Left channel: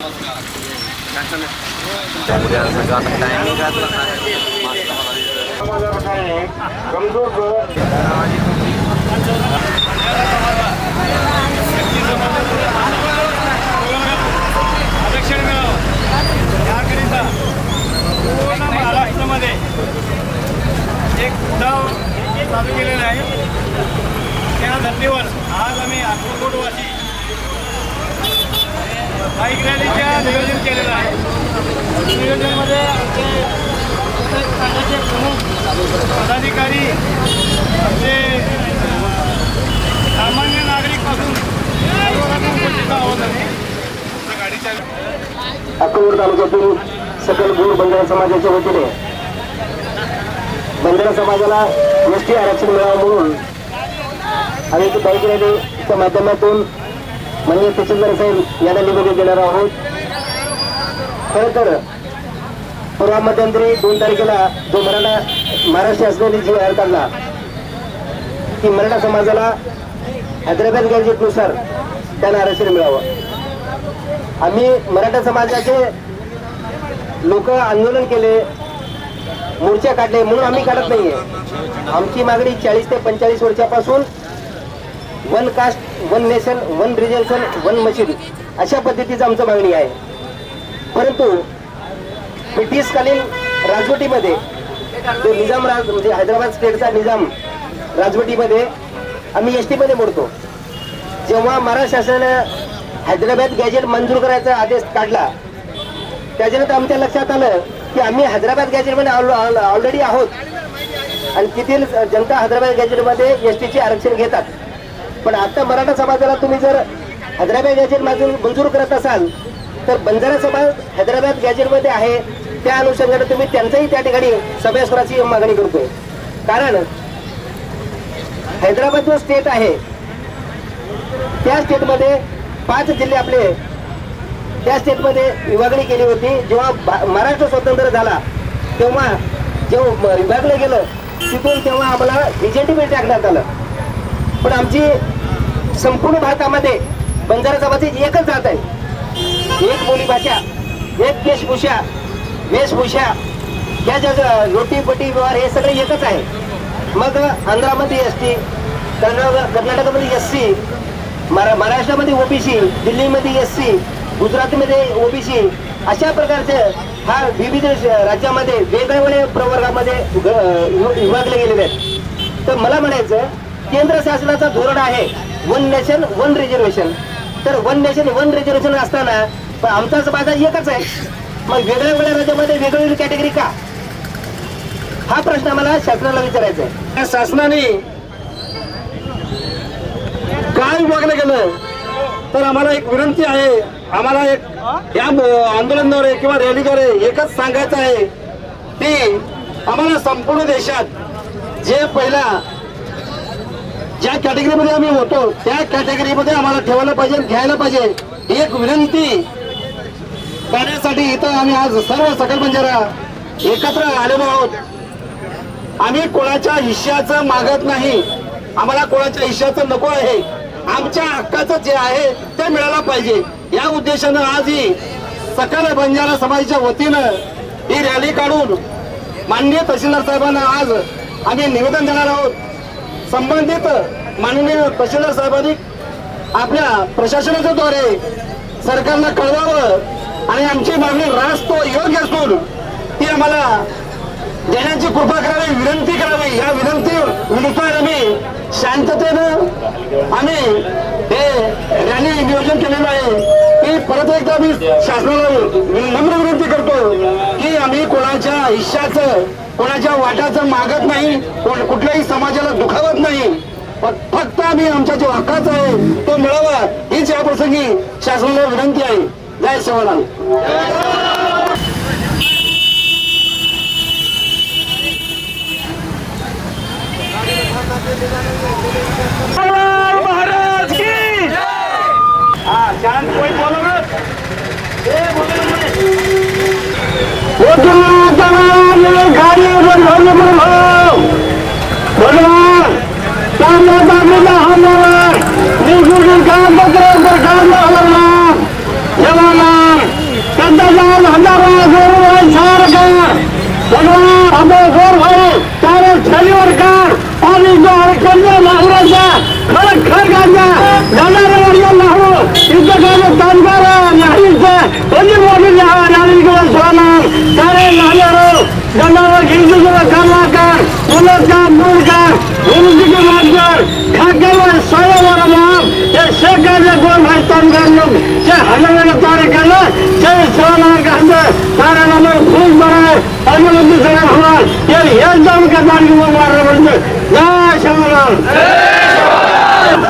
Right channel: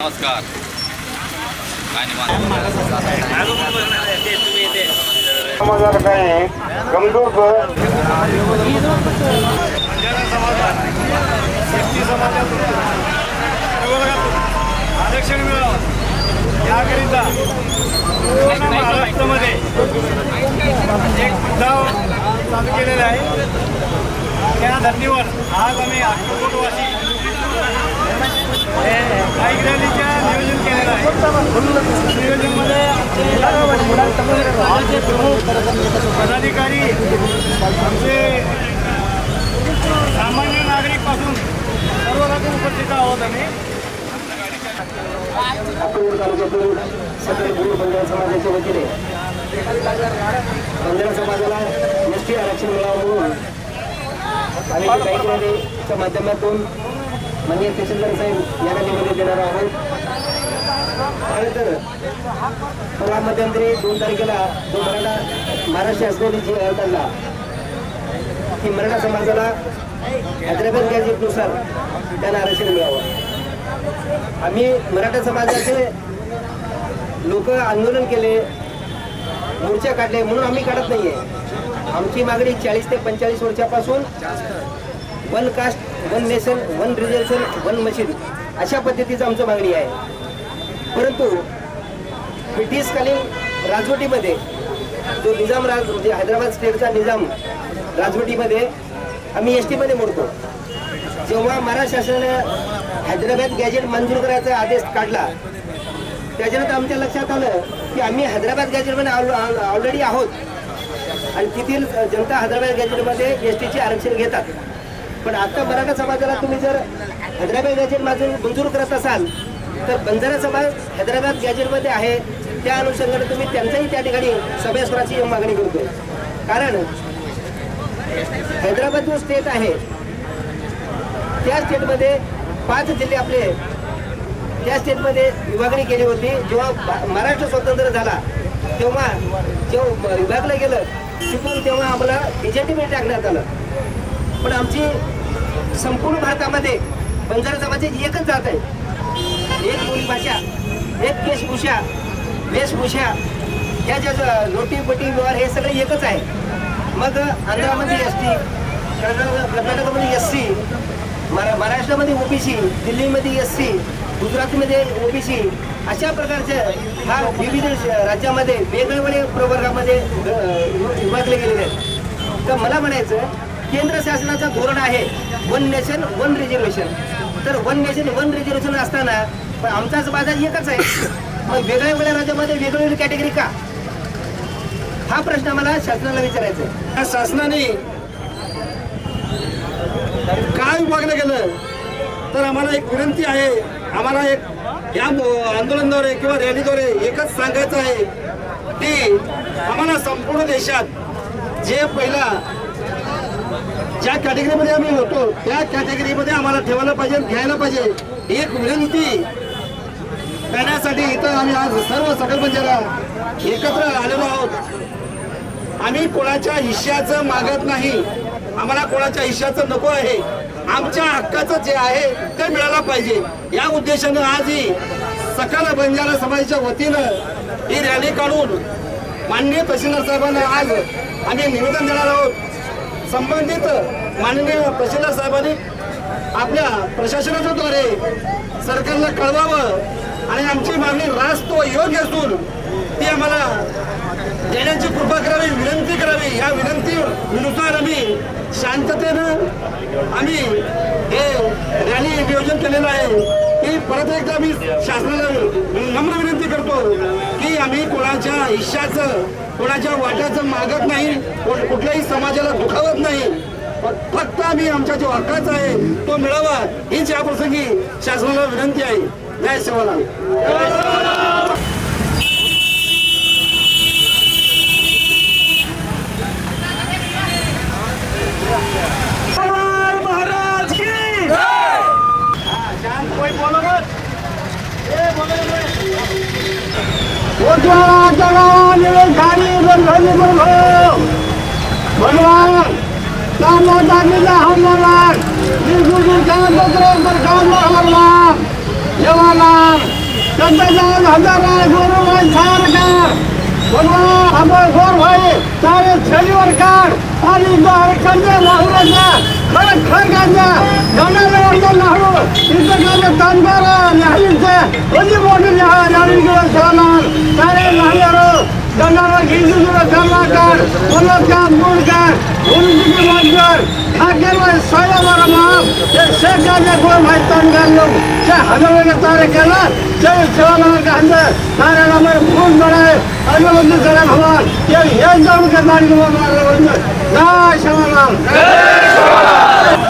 नमस्कार समाजाकडे कमजोर बंजारा समाजात एस टी समाजातून आरक्षण मिळावं याकरिता पूर्ण महाराष्ट्रामध्ये एक उठाव चालू केलेला आहे त्या धर्तीवर आज आम्ही अक्कलकोटवासी बाईक रॅलीच्या नियोजन केलेलं आहे. नियोजनमध्ये आमचे प्रत्येक राज्याचे प्रमुख पदाधिकारी आमचे सामान्य नागरिकपासून पासून उपस्थित आहोत आम्ही. अक्कलकोट तालुक्यातील सकल भूर बंजारा समाजाच्या वतीने बंजारा समाजाला एस टी आरक्षण मिळावं म्हणून आम्ही इथे बाईक रॅलीच्या माध्यमातून म्हणजे तहसीलदार साहेब यांना निवेदन देणार आहोत. खरं तर परवा मध्यंतरी दोन तारखेला जो मराठा महाराष्ट्र शासनाने जी आर काढला की मराठा समाजाला हैदराबाद गॅजेटनुसार त्यांना आरक्षण मिळावं. आम्ही मराठा समाजाचे लोक आंदोलन केले मोर्चा काढले म्हणून आम्ही काढत नाहीये. आमची मागणी चाळीस ते पंचेचाळीस वर्षापासून one caste one nation one reservation one machine अशा पद्धतीचं आमचं मागणी आहे. परंतु ब्रिटिशकालीन राजवटीमध्ये जो निजाम राज म्हणजे हैदराबाद स्टेटचा निजाम राजवटीमध्ये आम्ही एस टीमध्ये मोडतो. जेव्हा महाराष्ट्र शासनानं हैदराबाद गॅजेट मंजूर करायचा आदेश काढला त्याच्यानंतर आमच्या लक्षात आलं की आम्ही हैदराबाद गॅजेटमध्ये ऑलरेडी आहोत. आणि तिथील जनता हैदराबाद गॅजेटमध्ये एस टीचे आरक्षण घेतात. पण आता मराठा समाजाला तुम्ही जर हैदराबाद गॅजेट मंजूर मंजूर करत असाल तर बंजारा समाज हैदराबाद गॅजेटमध्ये आहे त्या अनुषंगाने तुम्ही त्यांचाही त्या ठिकाणी सभेश्वराची मागणी करतो कारण हैदराबाद जो स्टेट आहे त्या स्टेटमध्ये पाच जिल्हे आपले त्या स्टेटमध्ये विभागणी केली होती. जेव्हा महाराष्ट्र स्वतंत्र झाला तेव्हा जेव्हा विभागलं गेलं तिथून तेव्हा आम्हाला बीजेपीमध्ये टाकण्यात आलं. पण आमची संपूर्ण भारतामध्ये बंजारा समाजाची एकच जात आहे. एक बोली भाषा एक वेशभूषा वेशभूषा. ह्या ज्या लोटीपटी व्यवहार हे सगळे एकच आहे. मग आंध्रामध्ये एस टी कर्नाटक कर्नाटकामध्ये एस सी महाराष्ट्रामध्ये ओबीसी दिल्लीमध्ये एस सी गुजरातमध्ये ओबीसी अशा प्रकारचं हा विविध राज्यामध्ये वेगवेगळ्या प्रवर्गामध्ये विभागले गेलेले आहेत. तर मला म्हणायचं केंद्र शासनाचं धोरण आहे. वन नेशन वन रिझर्वेशन तर वन नेशन वन रिझर्वेशन असताना पण आमचाच बाजार एकच आहे. मग वेगळ्या वेगळ्या राज्यामध्ये वेगवेगळी कॅटेगरी का? हा प्रश्न मला शासनाला विचारायचा आहे. शासनाने काय विभागलं गेलं तर आम्हाला एक विनंती आहे. आम्हाला एक या आंदोलनाद्वारे किंवा रॅलीद्वारे एकच सांगायचं आहे की आम्हाला संपूर्ण देशात जे पहिला ज्या कॅटेगरीमध्ये आम्ही होतो त्या कॅटेगरीमध्ये आम्हाला ठेवायला पाहिजे घ्यायला पाहिजे. ही एक विनंती. करण्यासाठी इथं आम्ही आज सर्व सकल बंजारा एकत्र आलेलो आहोत. आम्ही कोणाच्या हिश्श्याचं मागत नाही. आम्हाला कोणाच्या हिश्श्याचं नको आहे. आमच्या हक्काचं जे आहे ते मिळायला पाहिजे. या उद्देशानं आज ही सकल बंजारा समाजाच्या वतीनं ही रॅली काढून माननीय तहसीलदार साहेबांना आज आम्ही निवेदन देणार आहोत. संबंधित माननीय तहसीलदार साहेबांनी आपल्या प्रशासनाच्या द्वारे सरकारला कळवावं आणि आमची मागणी रास्त योग्य असून ती आम्हाला देण्याची कृपा करावी विनंती करावी. या विनंतीनुसार आम्ही शांततेनं आम्ही हे रॅली नियोजन केलेलं आहे. की परत एकदा मी शासनाला नम्र विनंती करतो की आम्ही कोणाच्या हिश्श्याचं कोणाच्या वाटाचं मागत नाही कोण कुठल्याही समाजाला दुखावत नाही. फक्त आम्ही आमच्या जो हक्काचा आहे तो मिळावा हीच याप्रसंगी शासनाला विनंती आहे. जय शिवलाल गाडी बनवली म्हणून भगवान कांदा टाकलेला हमलावर निगुडी कागदपत्र पर कांदा हमला जवानाम कंदा जाऊन हजारा गोरू भाई चार कर खर गांजा जाणाऱ्या वर्ग लावू इथं जाणार घेऊन सुद्धा करला कर मुलं का मूल कर गुरुजी मास्टर खाकेवर सायावर माप हे शेकाच्या कोण माहिती लोक जे हजाराला तारे केलं ते सेवानार कांदे कारण आम्हाला फूल बराय आम्हाला दुसऱ्या भगवान ते हे जाऊन का दांडी मारलं म्हणजे जय शंकरराव निवेदन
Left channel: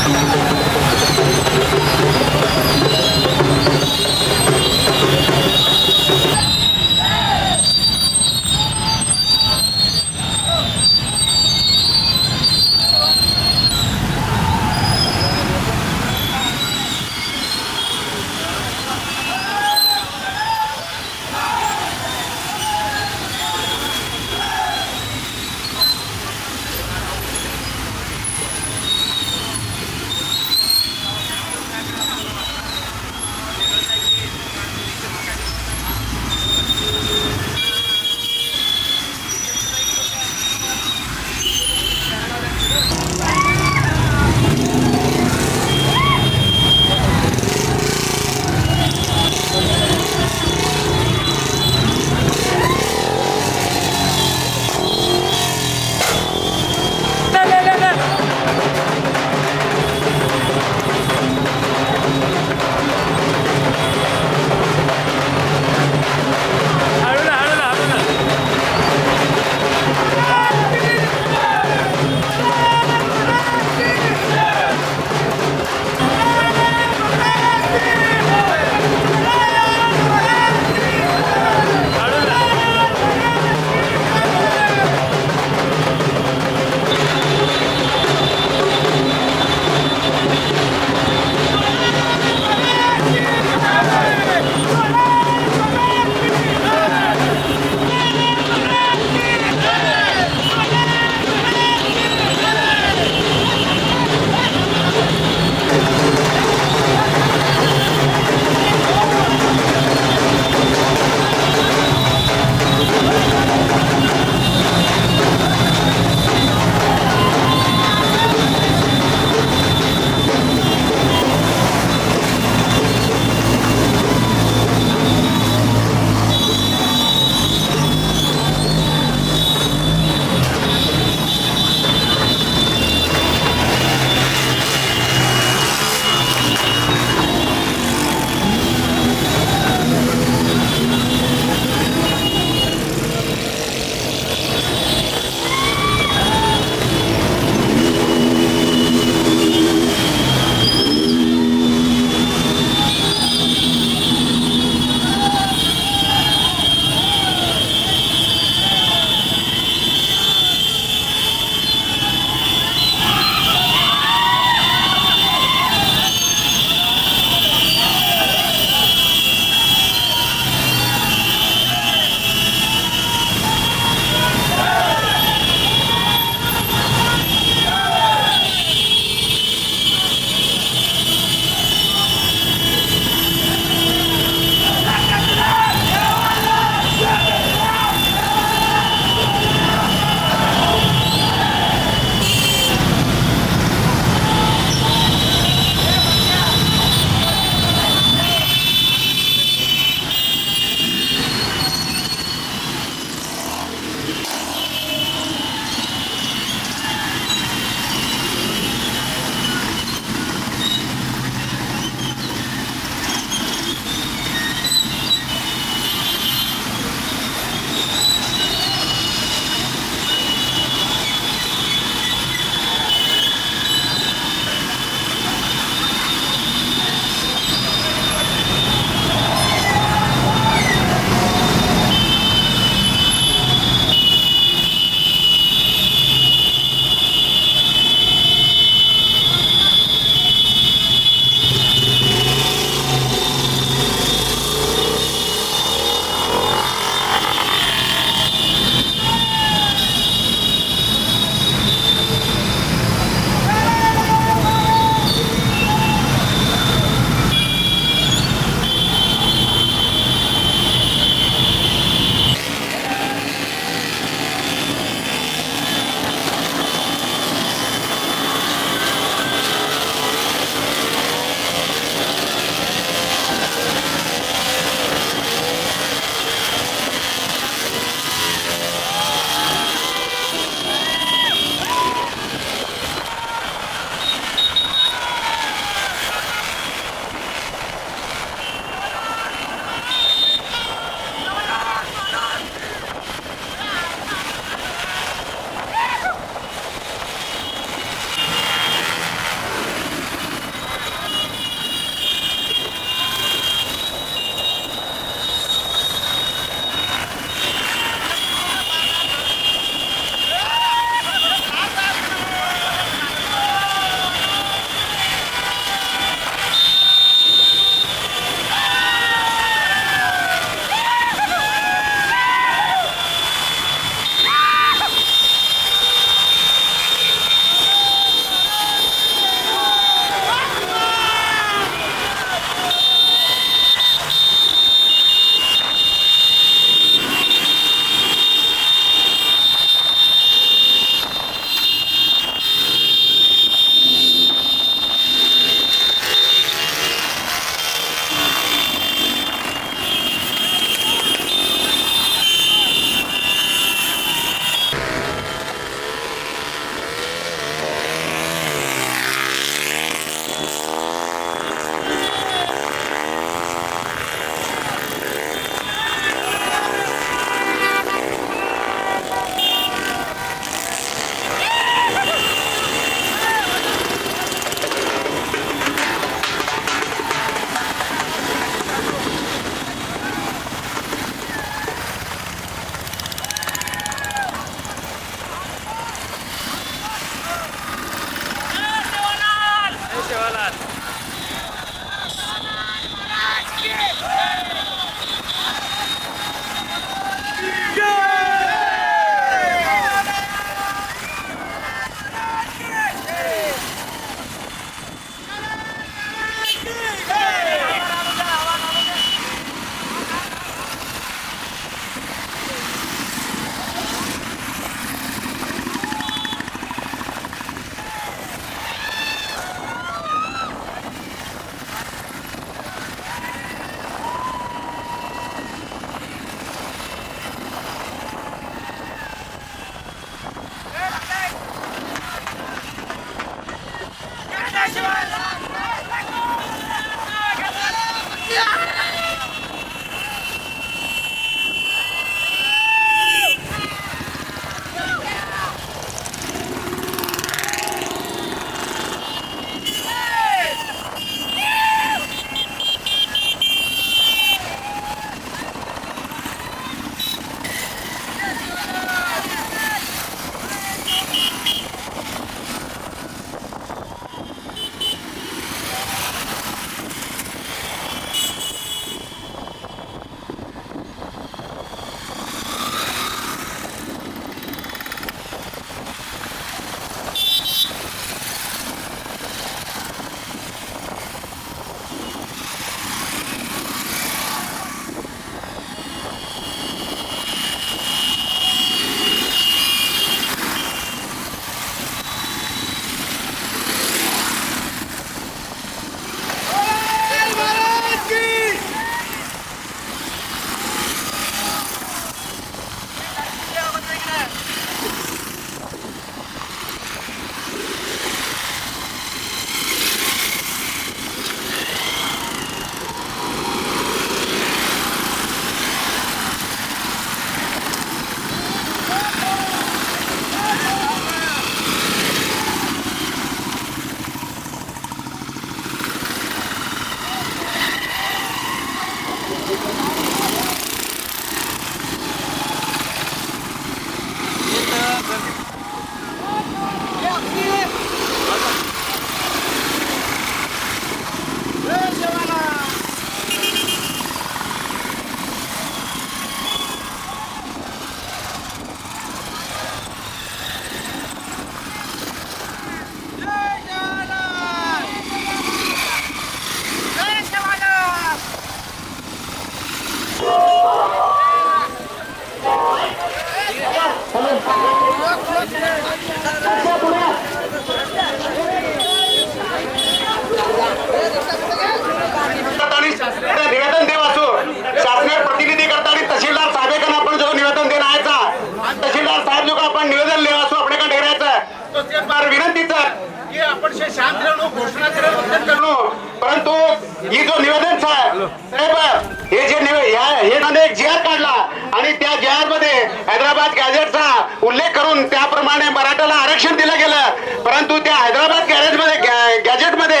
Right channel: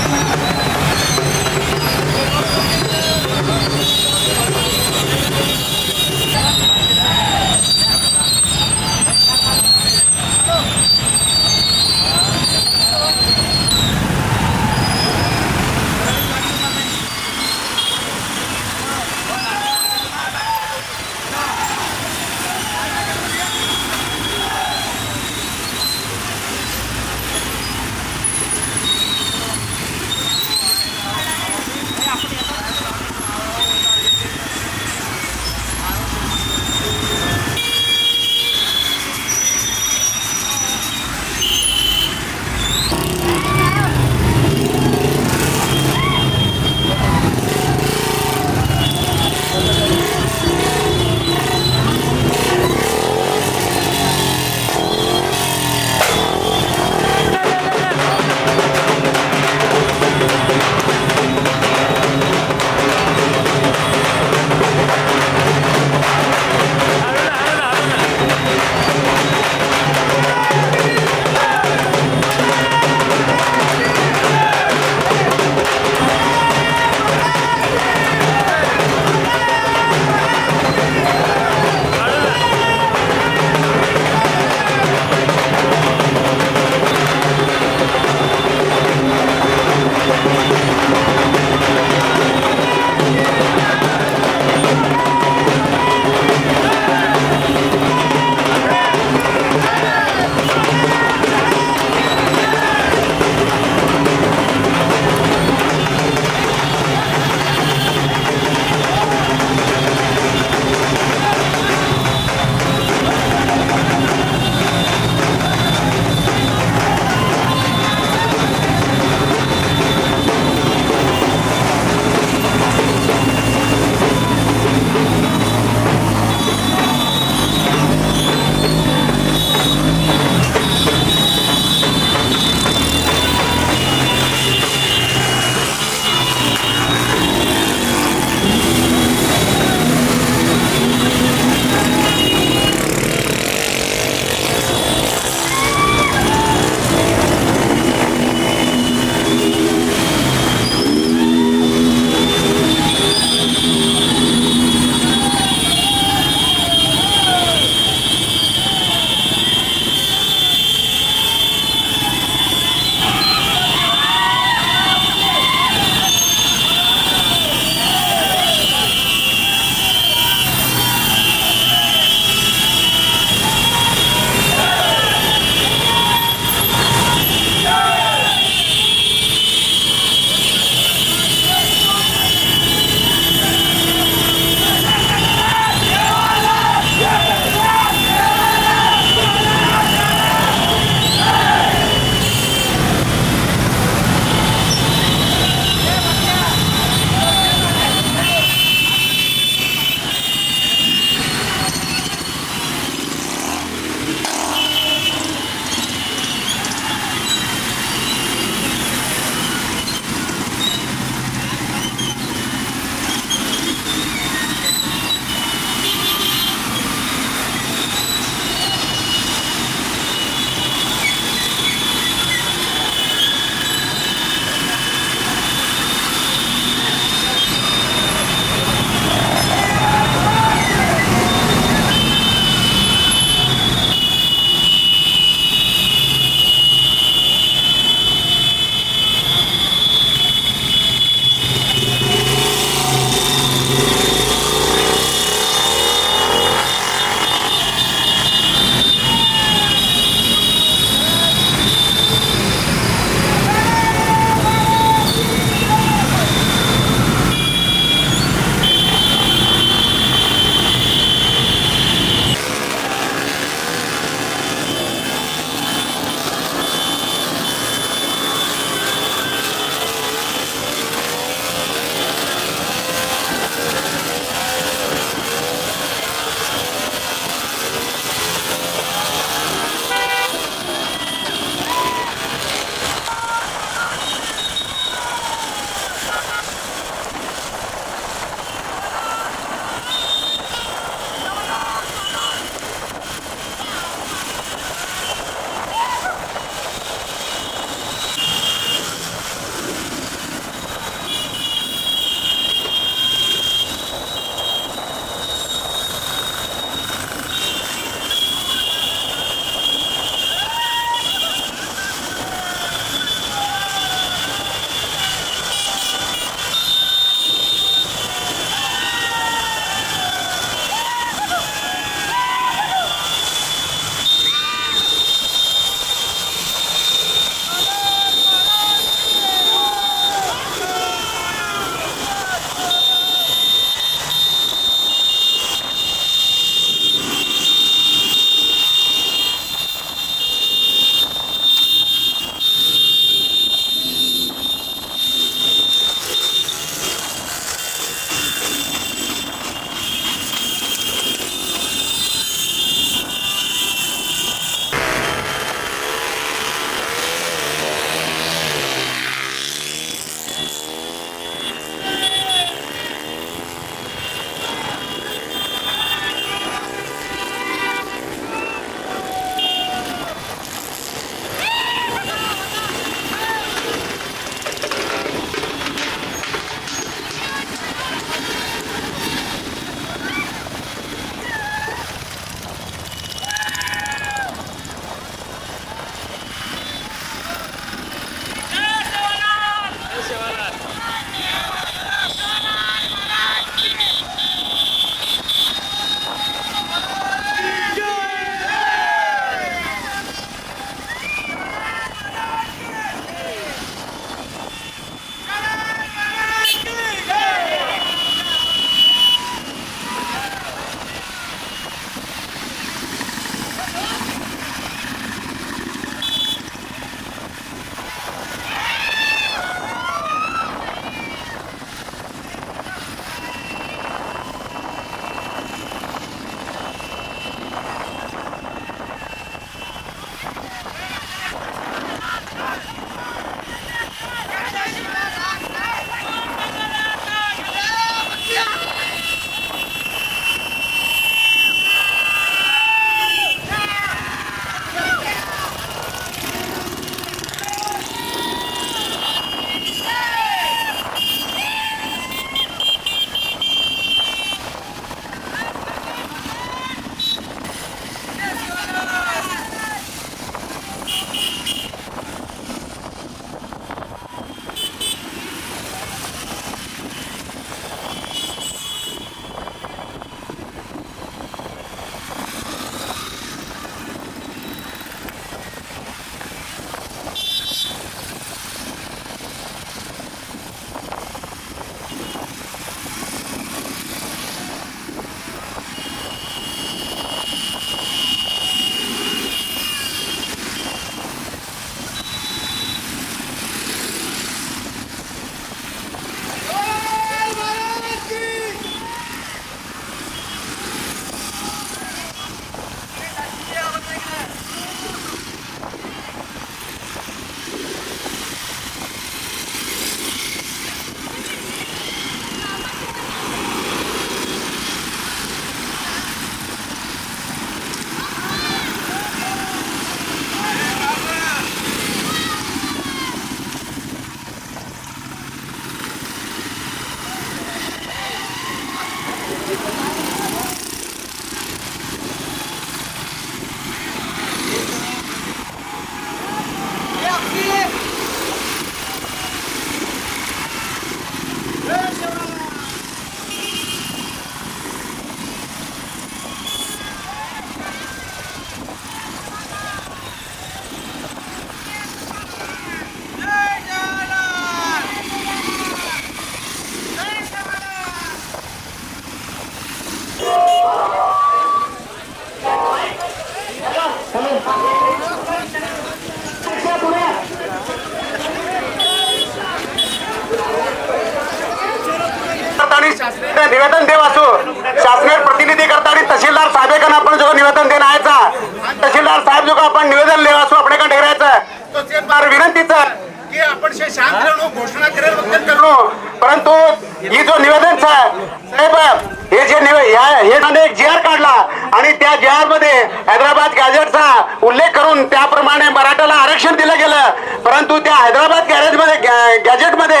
हैदराबाद गॅजेटचा उल्लेख करून त्याप्रमाणे मराठाला आरक्षण दिलं गेलं. परंतु त्या हैदराबाद गॅरेजमध्ये गॅजेटमध्ये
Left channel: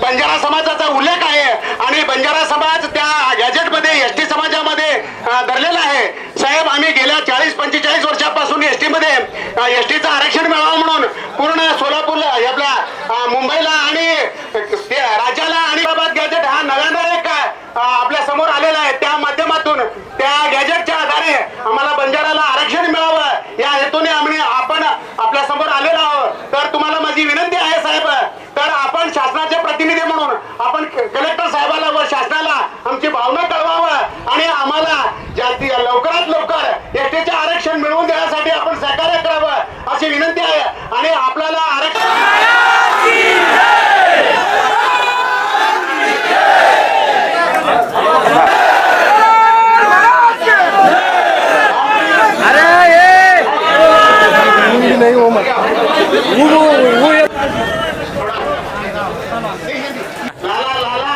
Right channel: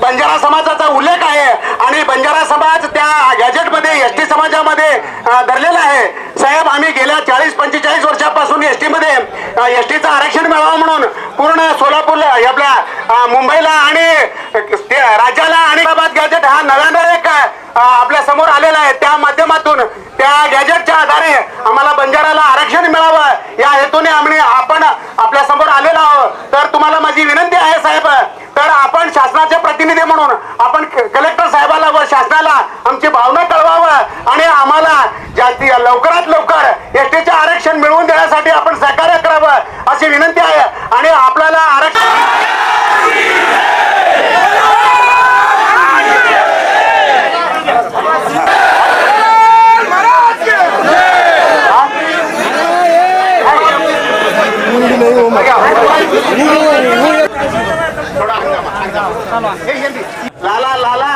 बंजारा समाजाचा उल्लेख आहे आणि बंजारा समाज त्या गॅजेटमध्ये एस टी समाजामध्ये धरलेला आहे. साहेब आम्ही गेल्या चाळीस पंचेचाळीस वर्षापासून एस टी मध्ये एस टीचं आरक्षण मिळावं म्हणून पूर्ण सोलापूरला आपल्या मुंबईला आणि राज्याला आणि हैदराबाद गॅजेट हा नव्यानं एक आपल्यासमोर आलेला आहे. त्या माध्यमातून त्या गॅजेटच्या आधारे आम्हाला बंजाराला आरक्षण मिळावं या हेतूने आम्ही आपण आपल्यासमोर आलेलो आहोत तर तुम्हाला माझी विनंती आहे साहेब तर आपण शासनाचे प्रतिनिधी म्हणून आपण क- कलेक्टर साहेबाला व शासनाला आमची भावना कळवावं आणि आम्हाला जास्ती लवकरात लवकर एस टीचे आरक्षण मिळवून देण्यासाठी आपण सहकार्य करावं अशी विनंती आहे आणि आपल्याला आरक्षण लाला लाला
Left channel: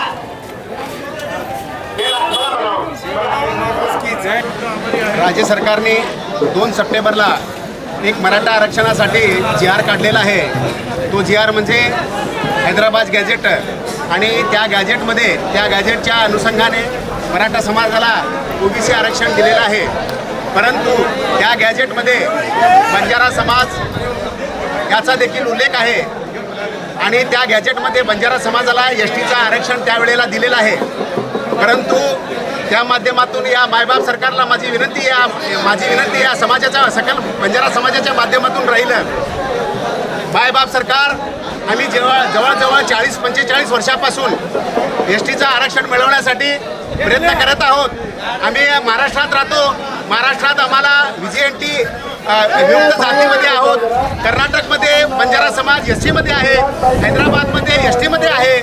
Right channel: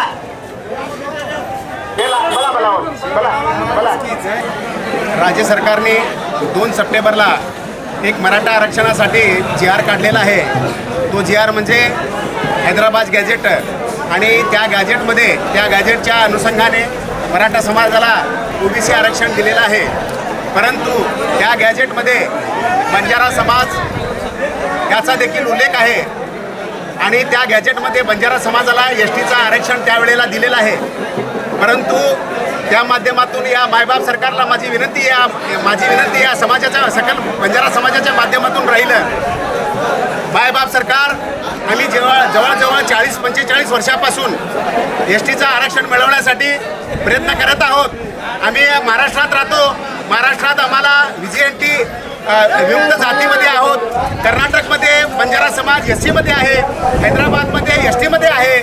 हे ला- बोला, बोला, बोला, बोला. राज्य सरकारने दोन सप्टेंबरला एक मराठा आरक्षणासाठी जी आर काढलेला आहे. तो जी आर म्हणजे हैदराबाद गॅजेट आणि त्या गॅजेटमध्ये त्या गॅजेटच्या अनुषंगाने मराठा समाजाला ओबीसी आरक्षण दिलेलं आहे. परंतु त्या गॅजेटमध्ये बंजारा समाज याचा देखील उल्लेख आहे. आणि त्या गॅजेटमध्ये बंजारा समाजाला एस टीचं आरक्षण त्यावेळेला दिलेलं आहे. परंतु त्या माध्यमातून या मायबाप सरकारला माझी विनंती या माझी विनंती या समाजाच्या सकल बंजारा समाजाच्या माध्यमातून राहिलं. मायबाप सरकार आम्ही जेव्हा जवळजवळ चाळीस पंचेचाळीस वर्षापासून एस टीचं आरक्षण मिळवण्यासाठी प्रयत्न करत आहोत. आम्ही महाराष्ट्रात राहतो. महाराष्ट्रात आम्हाला व्ही एन टी विमुक्त जातीमध्ये आहोत. कर्नाटकमध्ये बंजारा समाज एस सीमध्ये आहे. हैदराबादमध्ये एस टीमध्ये आहे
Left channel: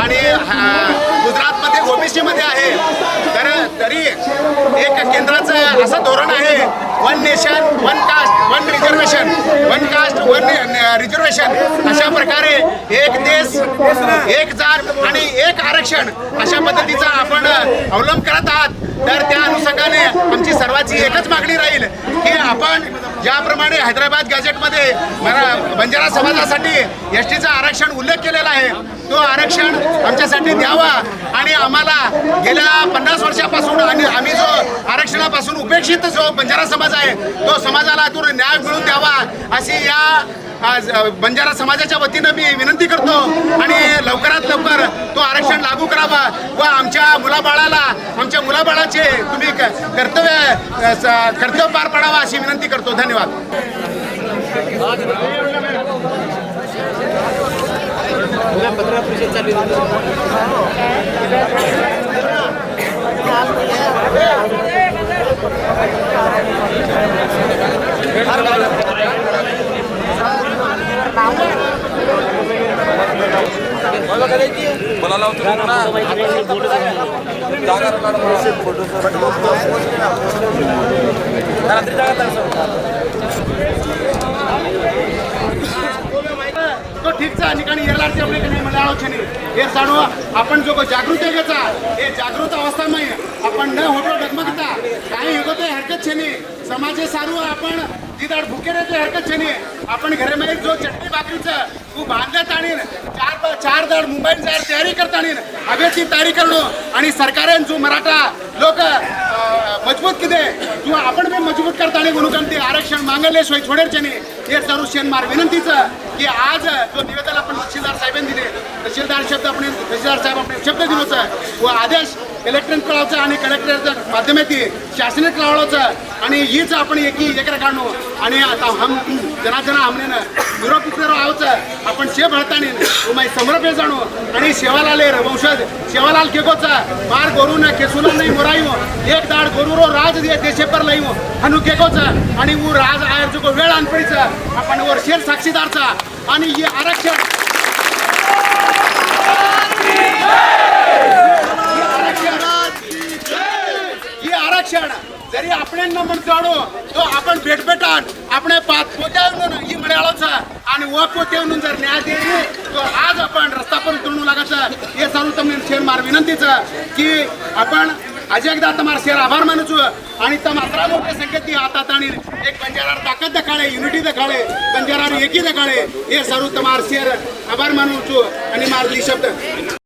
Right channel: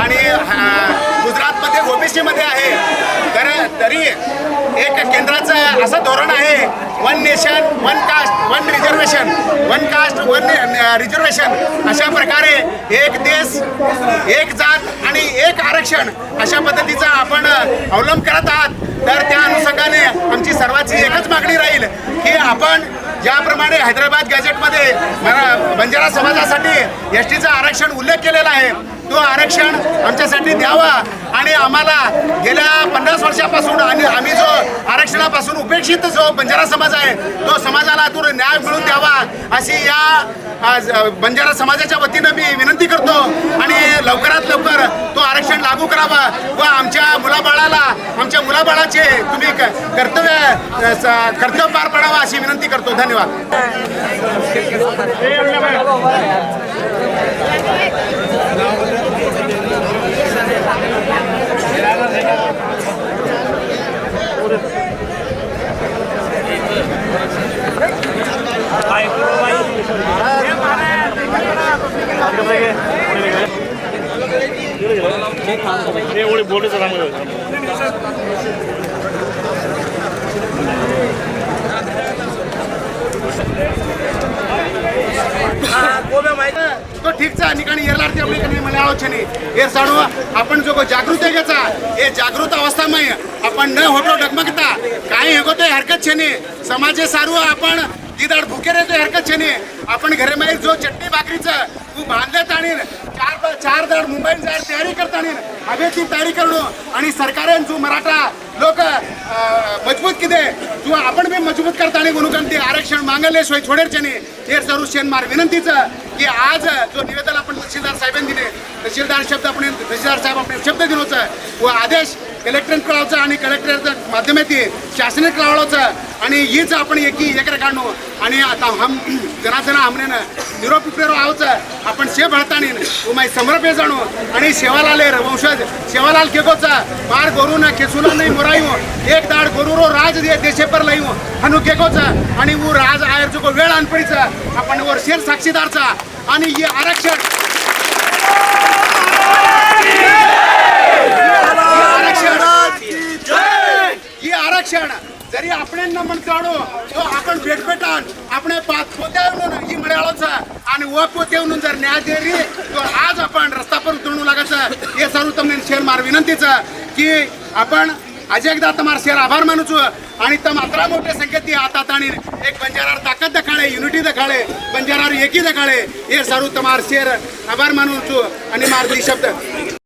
आणि हा, गुजरातमध्ये ओबीसीमध्ये आहे. तर तरी एक केंद्राचं असं धोरण आहे one nation one caste one reservation one caste one reservation अशा प्रकारे एक देश एक जात आणि एक आरक्षण अशा पद्धतीचा आपण अवलंब करत आहात. तर त्या अनुषंगाने आमची सर्वांची एकच मागणी राहील की आपण ज्याप्रमाणे हैदराबाद गॅजेटमध्ये मरा बंजारा समाजासाठी एस टीचं आरक्षण उल्लेख केलेला आहे तो आरक्षण आमच्यासाठी द्यावा आणि आम्हाला गेल्या पन्नास वर्षापासून आणि आम्ही जो आरक्षणापासून उपेक्षित जो बंजारा समाज आहे तो समाजाला दूर न्याय मिळून द्यावा अशी या आज, बंजारा समाजाच्या वतीनं मी विनंती करतो आणि लवकरात लवकर तो आरक्षण लागू करावा व आमच्या मुलाबाळाला आमच्या मुलाबाळाचे तुम्ही क- कर्तव्य स- कर्तव्य पार पडावा अशी विनंती करतो. धन्यवाद. बोलायला तो ठीकचा ठिकाणी येरलार एवढे नाही मला आलोचने हे जाणू आपण जो जागृत आहे घ्यायचा हे जागृत अवस्थामध्ये आपण न होतो डगमगता काही होते हरकत छे नाही समाजे सारू आपण तिदाड भुके रे हरकत छे नाही आपण घरे मध्ये जो चटणी भाकरीचं तू बांधल्यात आणीन चार चार दाड मुंबई जायला तयारी करता आणीन तयारी करणं आणि सरकारने जो मराठा लोक मजबूत किदे जो आपण बी मजबूत करताना कारण ते आरक्षण मागले सोय छोडेरचे नाही हे सर्व शेनमार विनंतीचं की आज जो निवेदन आपण तहसीलदार साहेबांनी दिले तहसीलदार शब्द आपण तहसीलदार साहेब आपण शब्द दिलोचा व आदेश कलेक्टरेट कळावचा आणि कलेक्टरच्या माध्यमातून शासनात कळावचं आणि हीच आपण एकी एकरा काढणं आणि आता हम जनाजना हमने निरोप उपरेरो आवचं आपण शे भळतानी उमाय समर्पे जाणू. आणि शेवालाल वंशज शेवालाल केगोचा मार गोरू न केसुला नाही मोरायू. एक दाड गोरुरो राज दे देशे पर लईऊ हो. हनु केगोचा आणि ऊ राज आयर जो वेळ अनपडीचा आपण वर शेर साक्षीदारचा. आणि हे आरक्षण आरक्षण जरी आपण न म्हणतो तो आपण भेटभेटान आपण पाच पोत्या म्हणून ही मिळालोच आणि व पोते म्हणून जर न्याय देरी तो आज आपण रस्ता पर उतरणू लागायचं हे सर्व તમને शेर मार विनंतीचं की आपण आज एकदा તમારા શેર આભાર માનું છું અને તમ આટલા મોટી સંખ્યાથી હાથ તાણીને એક બંજારાર તાકાત દેખાડે યુનિટી દેખાડે બંજારાર એકી દેખાડે એ સારું તમારા શેર આભાર માનું છું અને મારા દી શબ્દ